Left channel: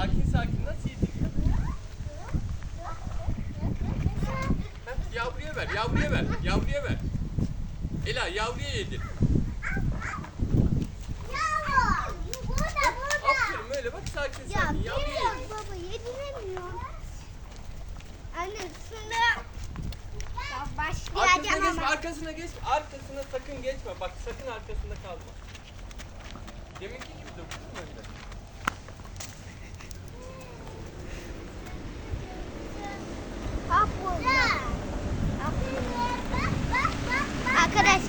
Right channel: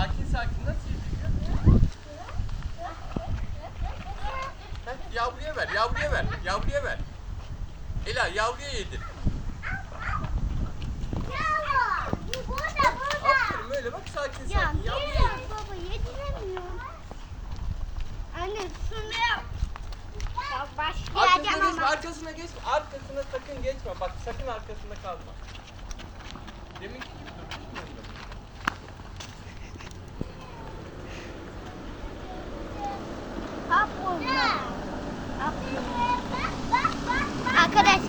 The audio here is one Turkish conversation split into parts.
Sakin sakin nasıl yediriyor? yavruya ver, yavruya ver, yavruya ver. Ela yavruya yedir. Ya, Öyle bak sakin ya, sakin. Ya yavru yedi. Baba yediremiyor. Anne sunuyorum. Ya başlayacağım ama. Arkasına geçme. Arkasına sakın geçme. Bak sakın arkasında kalma. Demin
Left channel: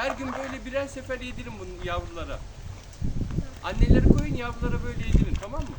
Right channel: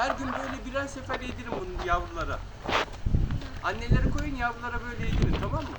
Her gün böyle birer sefer yedirin bunu yavrulara. Hı. Anneleri koyun yavrulara böyle yedirin tamam mı?